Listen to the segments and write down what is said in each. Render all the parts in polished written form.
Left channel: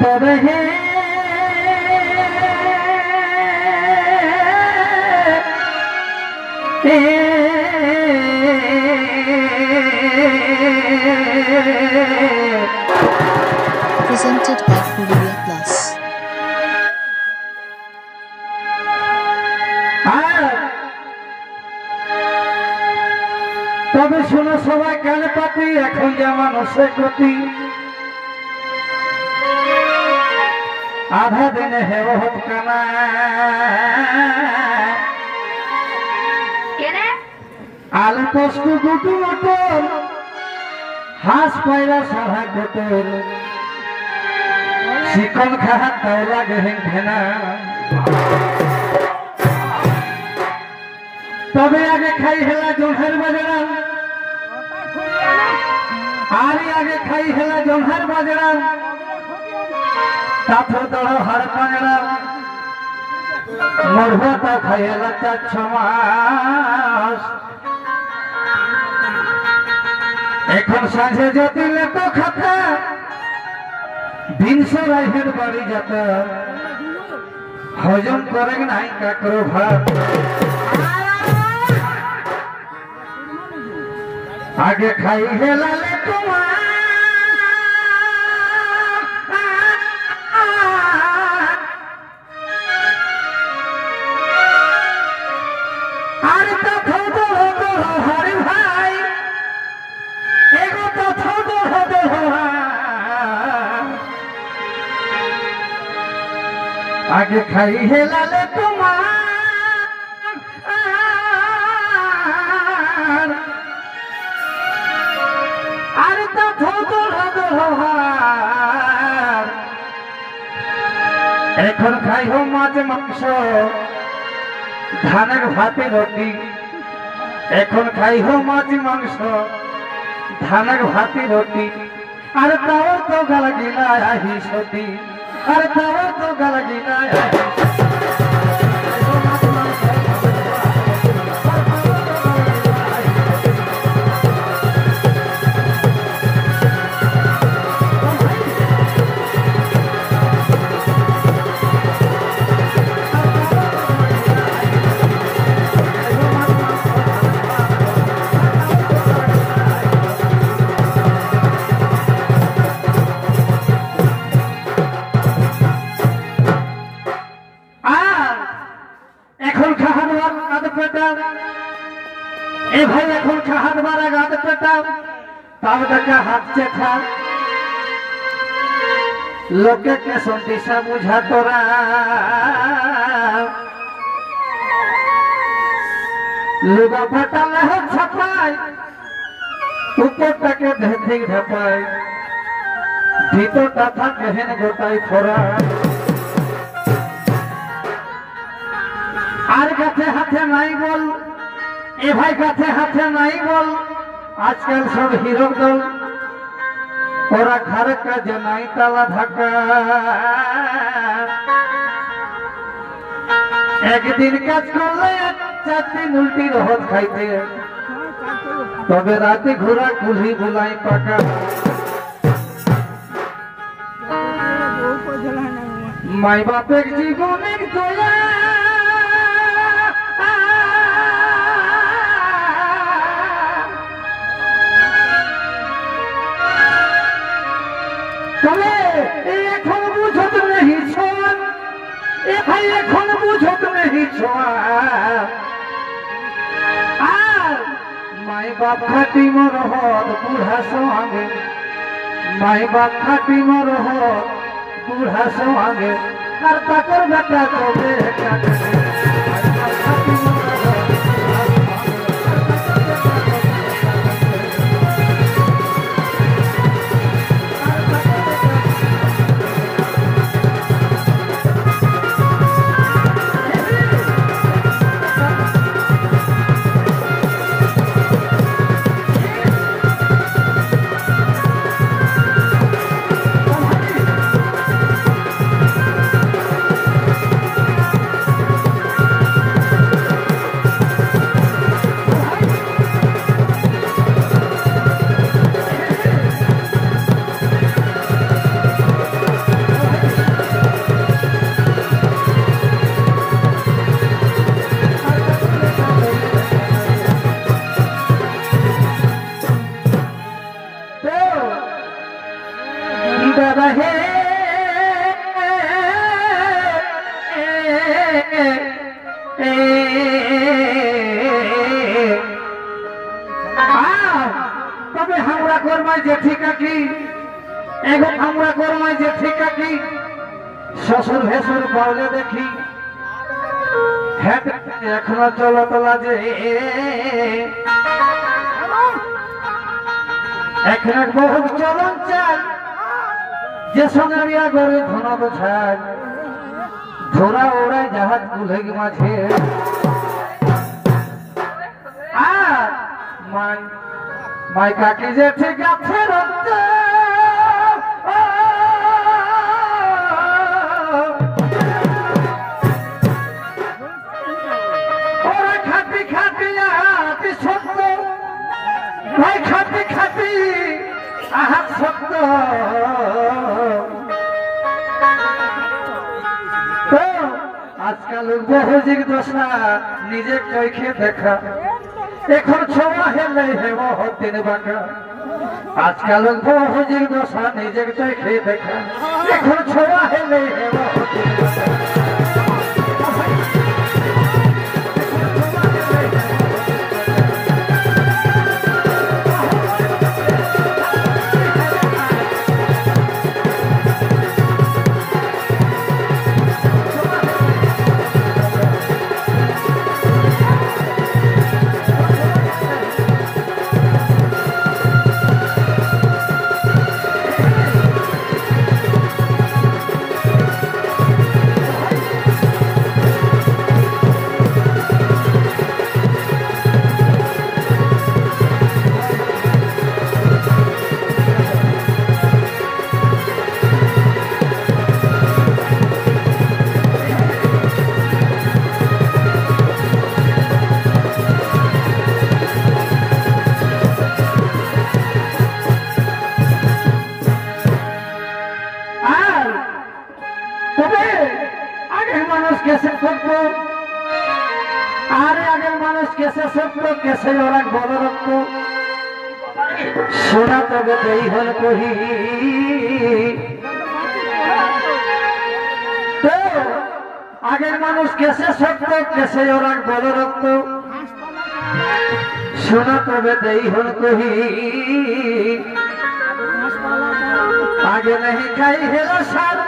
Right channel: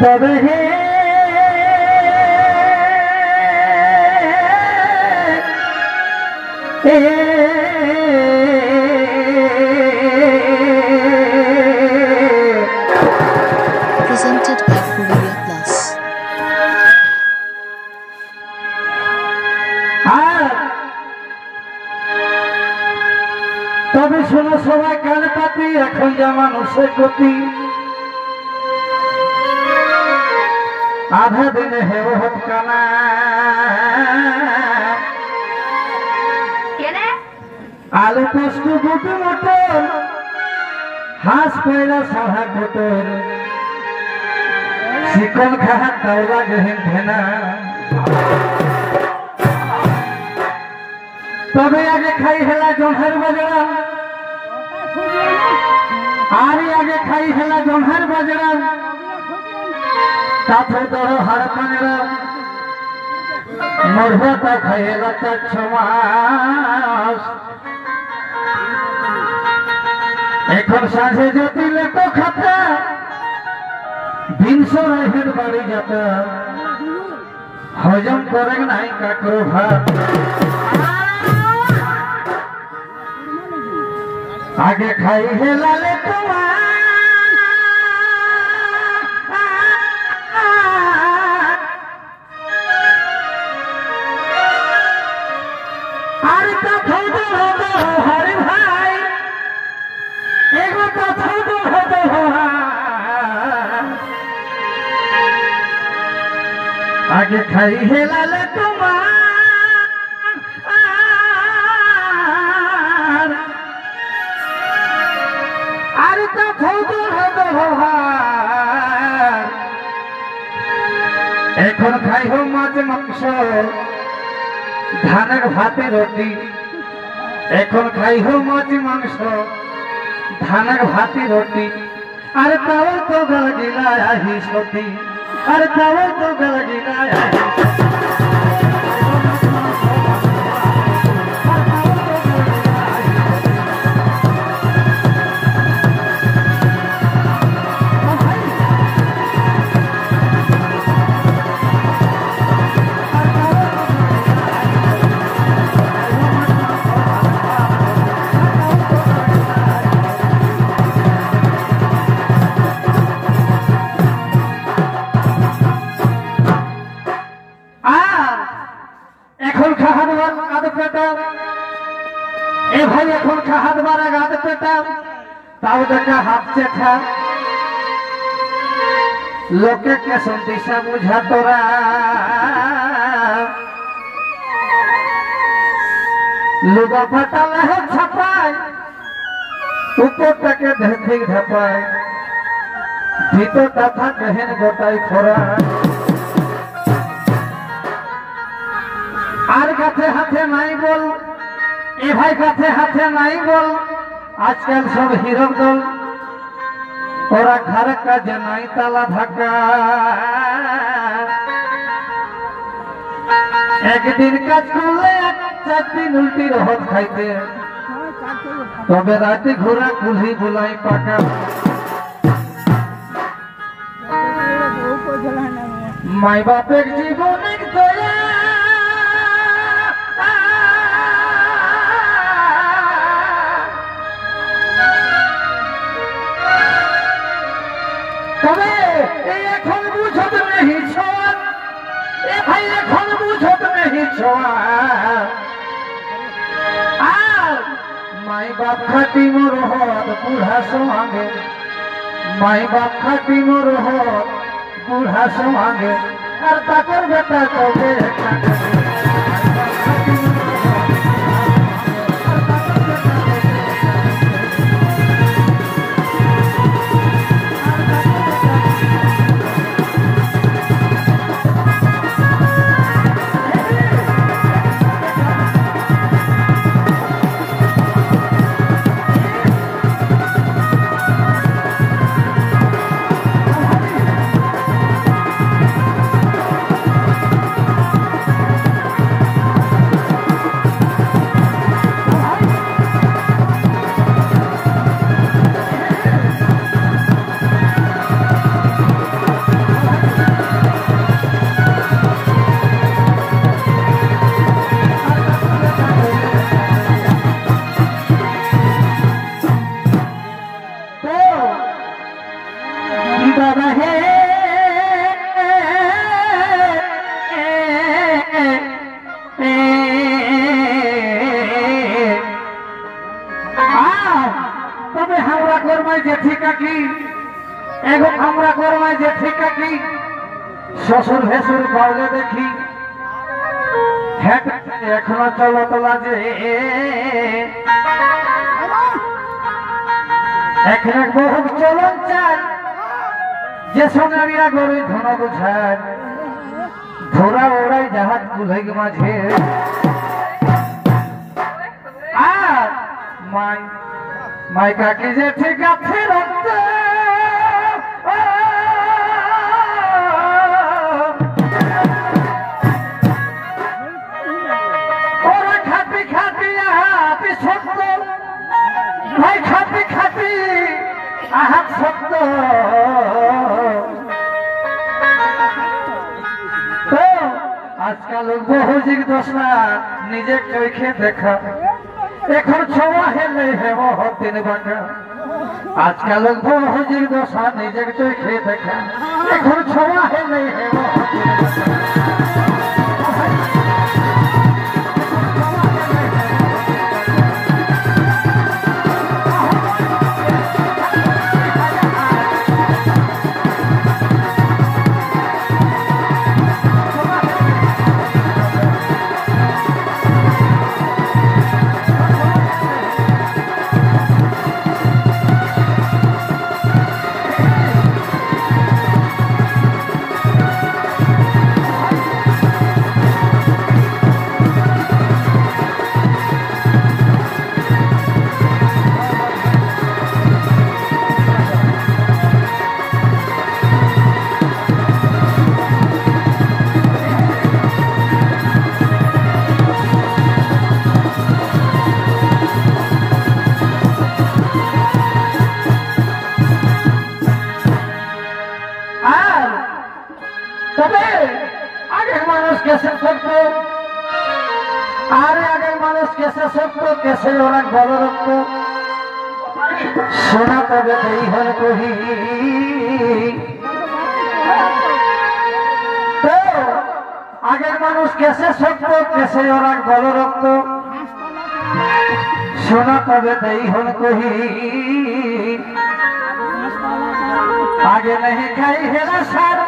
Barhe presented by Korea Plus. তবে শোনো সবাই কান পাতি এখন যেমন সে গতি আধা দিনে হেব হতকানা আলু পোস্ত গুটু মটন হাঁস পায়রা সারা গোটর শিকল খাহা তাওলা গেহেন ভেনা তবে আগে খাই হেলা জোহের বাজরা আরে আগে খাই হেলা জোহের বাজরা তাতে দড় হাড় পাঁজরা মরবতা খাইলা 4-6 মাস এখন সাঁঝে যদি লেতো খাতা দিনশো রাইহের বাড়ি যাতা হজম করে নাই কাকরো ভাত आगे खाई हेला ले तुम्हार अरे तो थोड़ो हो हरे भाई एगो तो थोड़ो हो आगे खाई हेला ले तुम्हार এখন খাইব মাছ মাংস ধানের ভাতে রুটি এখন খাইব মাছ মাংস ধানের ভাতে রুটি আর তাও তো গাল গিলা আহি সতী আর তাও তো গাল গিলা আহি भाई এখন খাহার মারা গাদ পেটা তাও দেখা হাঁটছে খা লোকে কে সন্দিশা বুঝা তোরা লুগা ফাটালে ছাপায় উপরটাকে ধেক ঢাপায় ভিতরটা থাকে হেন গোটাই ফোরা আর কাছে হাতে নাই বল এ ভাই কাছে হাতে নাই বল আজকাল সব হিরো দল ওরা ঘরে কাজে নাই তালা ঢাকা একদিন কাজ করলে 4 দিন উল্টি রহত খাইতে তবে রাতে ঘোরা কুলি বুলাই পাকা মাই বাপের জীবনের দয়া তবে এখন বুঝত নেই ছোঁয়ান এ ভাই এখন বুঝত নেই ছোঁয়ান আর মাই বাপ খাটি মোর হত বুড়া সঙ্গে মাই বাপ খাটি মোর হত বুড়া সঙ্গে আর তাকর বেটা তবে জেঠি কাকি শ্বশুর ভেসুর পাওলে দেখি হ্যাঁ এখনো চলো তোলা যে এখন বহু চলন চাই যে সোনারিয়া গড়ে ধন বোঝায় ধরা ওড়ায় জাহাজ গুলাই মাঝে আর মাই মাই কাকি যে ঠিক আছে রক্ত ওরা খাপি খাপি আহাতি সত্য ভাই খাপি খাপি আহাত সত্য তো আজকাল বহুজির দশা নিজে চোখে দেখা এখন ছোঁয়া হেলে হেব দিন বাঁকা আজকাল বহুজির দশা নিজের চোখে দেখা এখন ছোঁয়া হেলে হেব দিন বাঁকা कैसे सकते आरे आगे मानुष कैसे सकते कैसे और बड़ रक्त सोना तब हल कही तो आगे मानुष कैसे सकते कैसे और बड़ रक्त सोना तब हल कही आगे नहीं खाई हेरा सार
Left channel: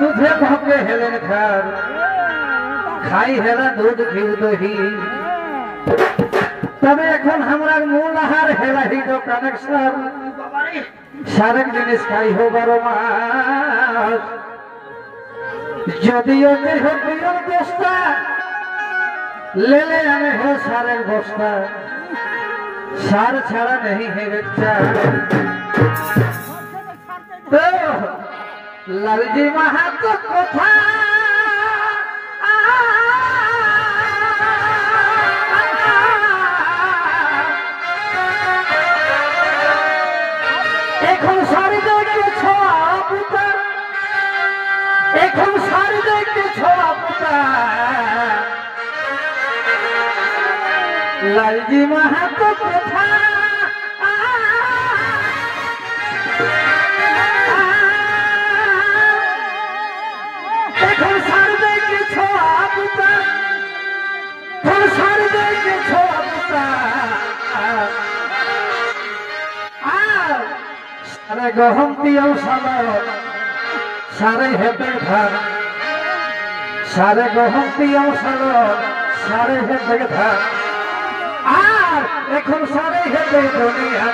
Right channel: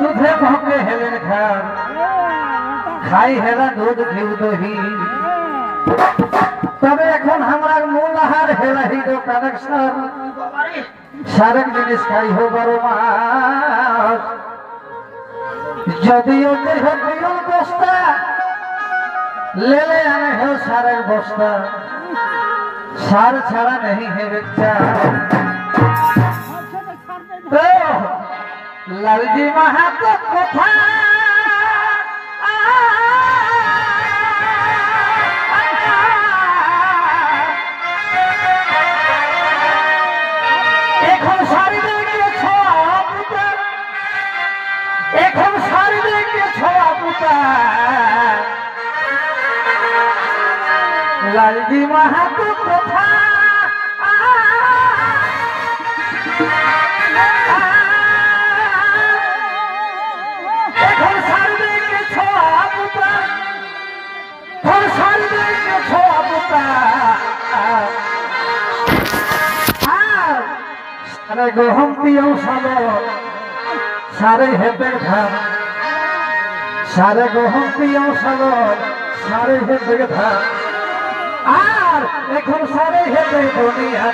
दूधे भोगे हेलेन खार खाई हेला दूध घी दही तबे এখন আমার মূল আহার হেলা হিদো কানেকশন সারেক জিনিস খাই হো 12 মাস যদিও দেহ বিরল বস্তা লেলে আনে হো সারের বস্তা সার ছাড়া नहीं है बच्चा तो लालजी माहातो কথা এখন সারি দেখে ছোয়া পুতা এখন সারি দেখে ছোয়া পুতা লালজি মাহাতো কথা এখন সারি দেখে ছোয়া পুতা এখন সারি দেখে ছোয়া পুতা अरे गहम दियो सालो सारे हेतर धार सारे गहम दियो सालो सारे हेतर धार आर এখন सारे हेतर दुनिया